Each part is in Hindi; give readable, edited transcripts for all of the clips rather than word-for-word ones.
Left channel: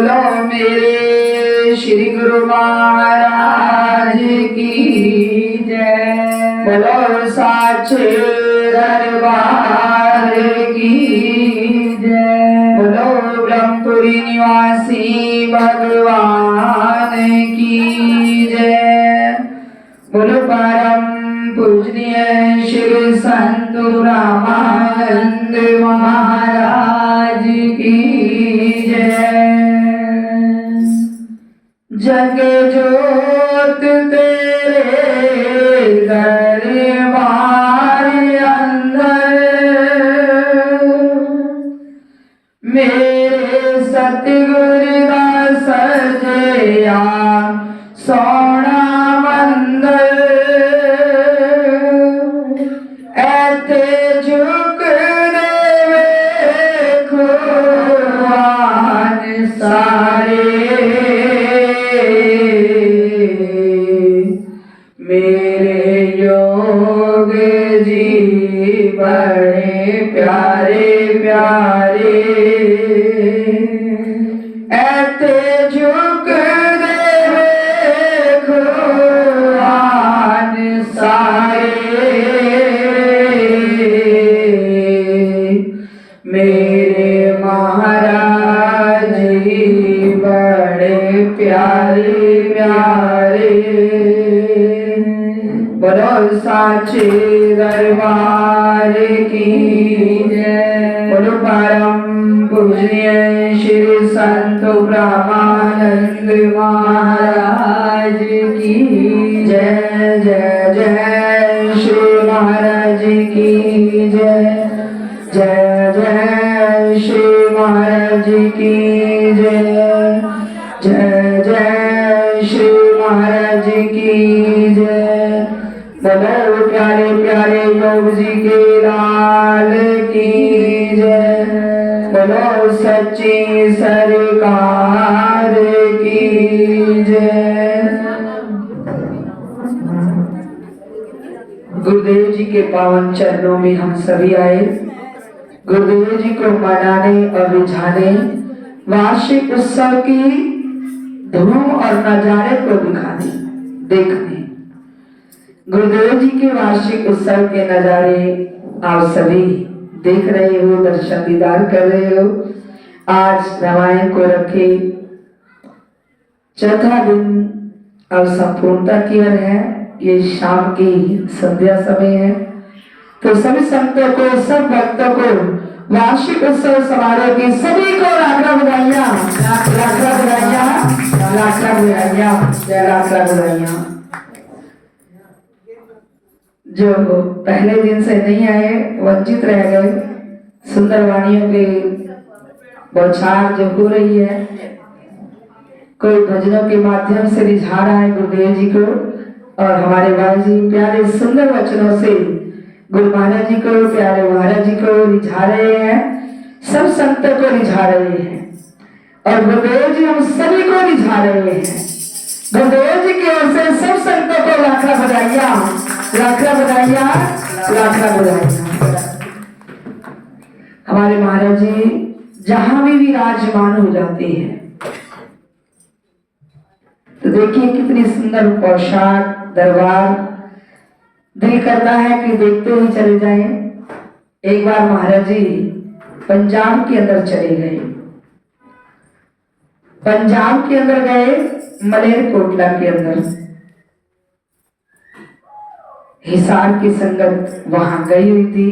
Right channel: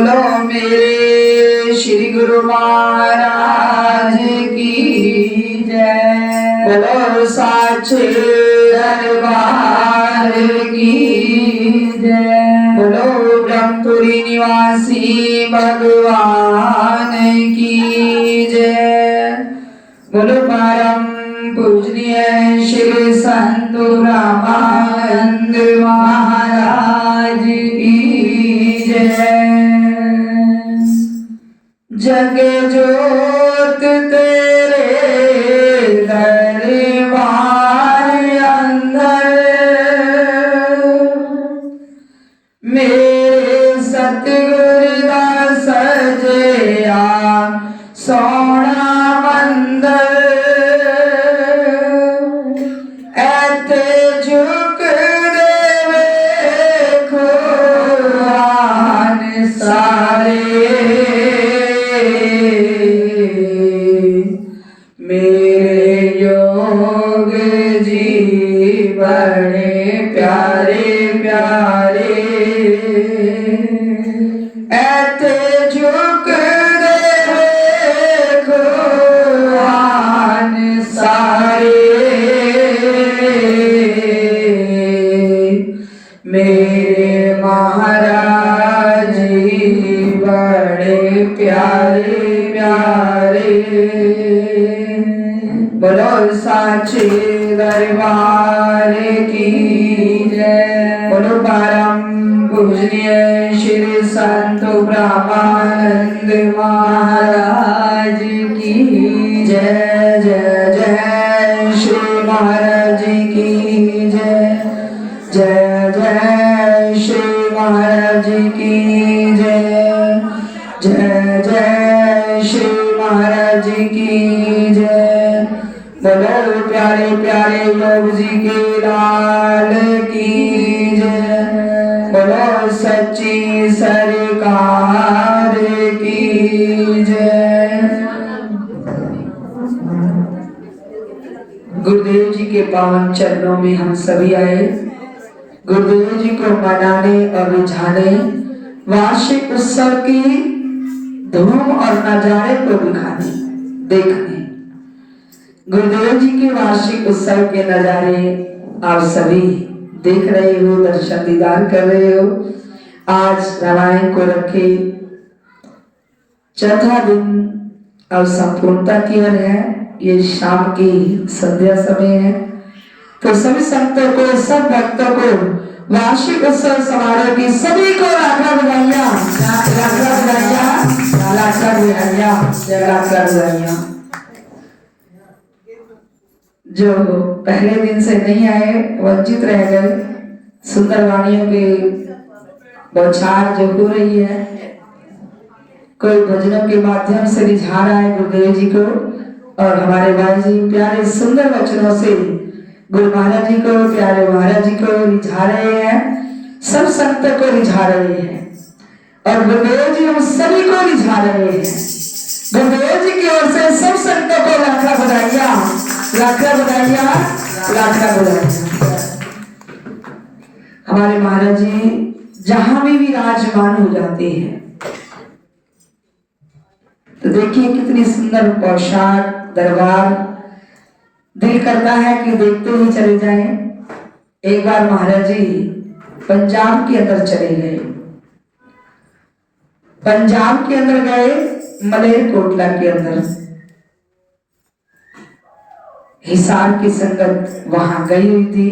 बोलो मेरे श्री गुरु महाराज की जय। बोलो साचे दरबार की जय। बोलो ब्रह्मपुरी निवासी भगवान की जय। बोलो परम पूजनीय श्री संत ब्रह्मानंद महाराज की जय। जग जोत तेरे दरबार अंदर मेरे सतगुरु दा सजया सोना मंदिर ऐते झुक दे खुआन सारे मेरे योग जी बड़े प्यारे प्यारे ऐते झुक दे खुआन सारे मेरे महाराज जी बड़े प्यारे प्यारे। बोलो साचे दरबार की जय। बोलो परम पूजनीय श्री संत ब्रह्मानंद महाराज की जय। जय जय श्री महाराज की जय। जय जय श्री महाराज की जय। जय जय श्री महाराज की जय। बोलो प्यारे प्यारे योग जी के लाल की जय। बोलो सच्ची सरकार की जय। गुरुदेव जी के पावन चरणों में हम सभी आए गुरुदेव जी को मनाने और रिझाने, वार्षिक उत्सव की धूम और नजारे को दिखाने देखने। गुरुदेव जी के वार्षिक उत्सव के नजारे आप सभी देख रहे हो, दर्शन दीदार कर रहे हो। आज रामायण को रखे चौथा दिन अब संपूर्णता की ओर है। ये शाम की संध्या समय है, तो सभी संतों को, सब भक्तों को वार्षिक उत्सव समारोह की सभी को लाख लाख बधाइयां, लाख लाख बधाइयां, लाख लाख बधाइयां, लाख लाख बधाइयां। जो पहले दिन से नहीं आए, वंचित रह गए, सुंदर वाणियों के बौछार जो हो रही है, कोई भजनों के माध्यम से रिझा रहा है गुरुदेव जी को, और हमारे भाई जी प्यारे सुंदर वचनों से गुरु महाराज जी को, प्यारे महाराज जी को रिझा रहे हैं, सब संतों को रिझा रहे हैं, और गुरुदेव जी हम सभी को रिझा रहे हैं। गुरुदेव जी की ओर से सब संतों को लाख लाख बधाइयां, लाख लाख बधाइयां, लाख लाख बधाइयां। हमारे महाराज जी जहां भी विराजमान हो जाते हैं, तो देखिए कितनी सुंदर पोशाक, दरबार, दिल करता है कि देखते ही चले जाएं। एक बार महाराज जी पंजाब के अंदर चले गए। पंजाब के अंदर गए, मलेरकोटला के अंदर हिसार की संगत वहां गई हुई थी,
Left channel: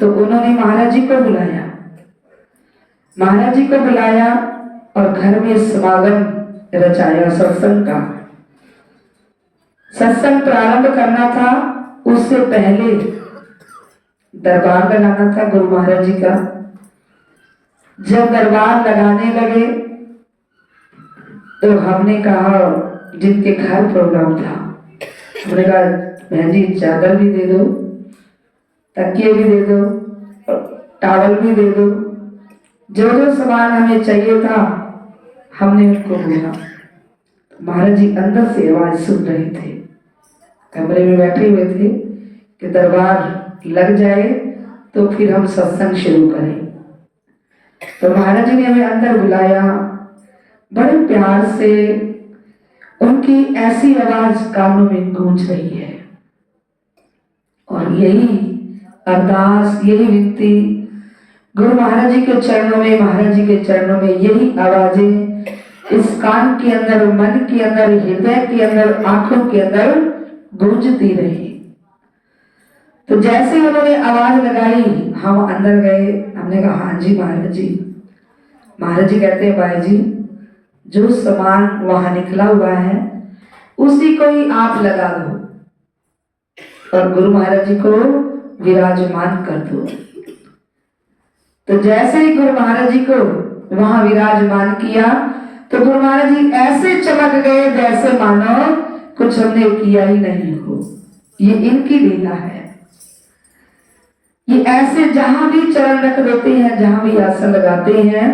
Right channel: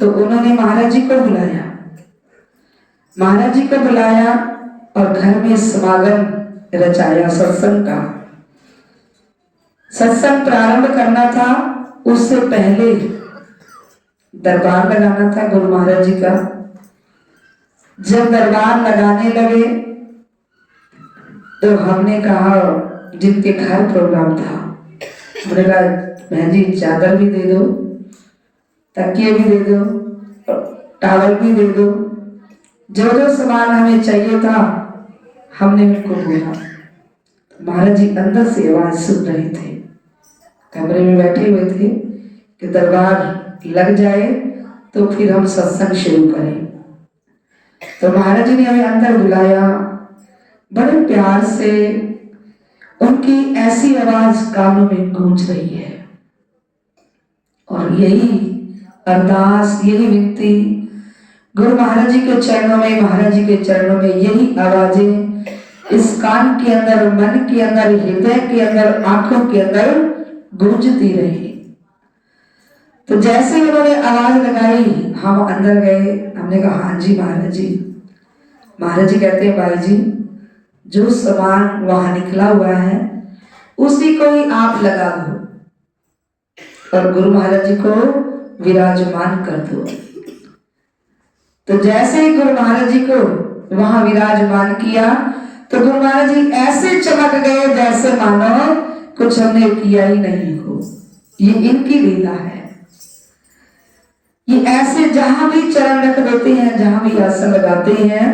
तो उन्होंने महाराज जी को बुलाया। महाराज जी को बुलाया और घर में समागम रचाया, सत्संग का। सत्संग प्रारंभ करना था, उससे पहले दरबार लगाना था गुरु महाराज जी का। जब दरबार लगाने लगे तो हमने कहा, जिनके घर प्रोग्राम था, हमने कहा बहन जी चादर भी दे दो, तकिए भी दे दो, टावल भी दे दो, जो जो सामान हमें चाहिए था हमने उनको बोला। महाराज जी अंदर से आवाज सुन रहे थे, कमरे में बैठे हुए थे कि दरबार लग जाए तो फिर हम सत्संग शुरू करें। तो महाराज जी ने हमें अंदर बुलाया बड़े प्यार से उनकी ऐसी आवाज कानों में गूंज रही है। और यही अरदास, यही विनती गुरु महाराज जी के चरणों में, महाराज जी के चरणों में यही आवाजें इस कान के अंदर, मन के अंदर, हृदय के अंदर, आंखों के अंदर गूंजती रही। तो जैसे उन्होंने आवाज लगाई, हम अंदर गए। हमने कहा हाँ जी महाराज जी। महाराज जी कहते हैं भाई जी, जो सामान वहां निकला हुआ है उसी को ही आप लगा दो और गुरु महाराज जी को विराजमान कर दो। तो जैसे ही गुरु महाराज जी को वहां विराजमान किया तो गुरु महाराज जी ऐसे चमक गए जैसे मानो कुछ हमने किया ही नहीं हो। ये इनकी लीला है। ये ऐसे जहां भी चरण रख देते हैं, जहां भी आसन लगाते हैं,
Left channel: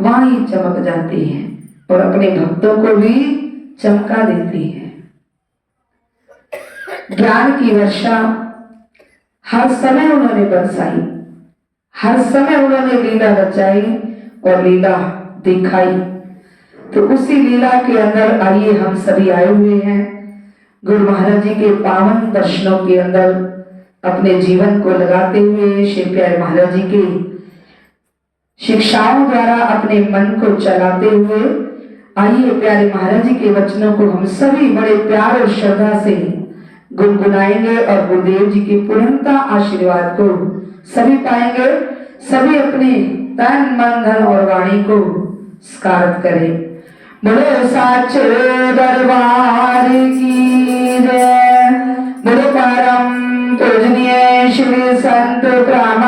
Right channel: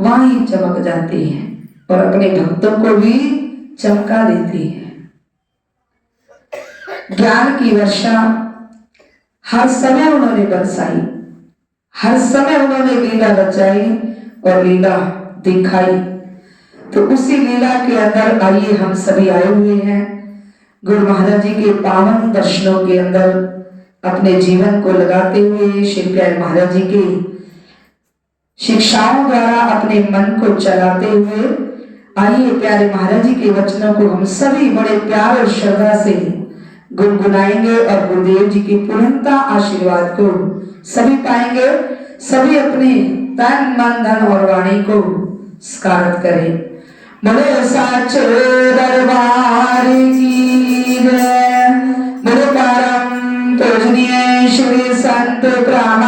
वहां ही चमक जाते हैं और अपने भक्तों को भी चमका देते हैं। ज्ञान की वर्षा हर समय उन्होंने बरसाई, हर समय उन्होंने लीला रचाई और लीला दिखाई। तो उसी लीला के अंदर आइए हम सभी आए हुए हैं गुरु महाराज जी के पावन दर्शनों के अंदर अपने जीवन को लगाते हुए, श्री प्यारे महाराज जी की शिक्षाओं द्वारा अपने मन को चलाते हुए आइए प्यारे महाराज जी के वचनों को हम सभी बड़े प्यार और श्रद्धा से गुनगुनाएंगे और गुरुदेव जी की पूर्णता आशीर्वाद को सभी पाएंगे। सभी अपने तन, मन, धन और वाणी को स्कार्त करें। बोलो साचे दरबार की जय। बोलो परम पूजनीय श्री संत ब्राह्मण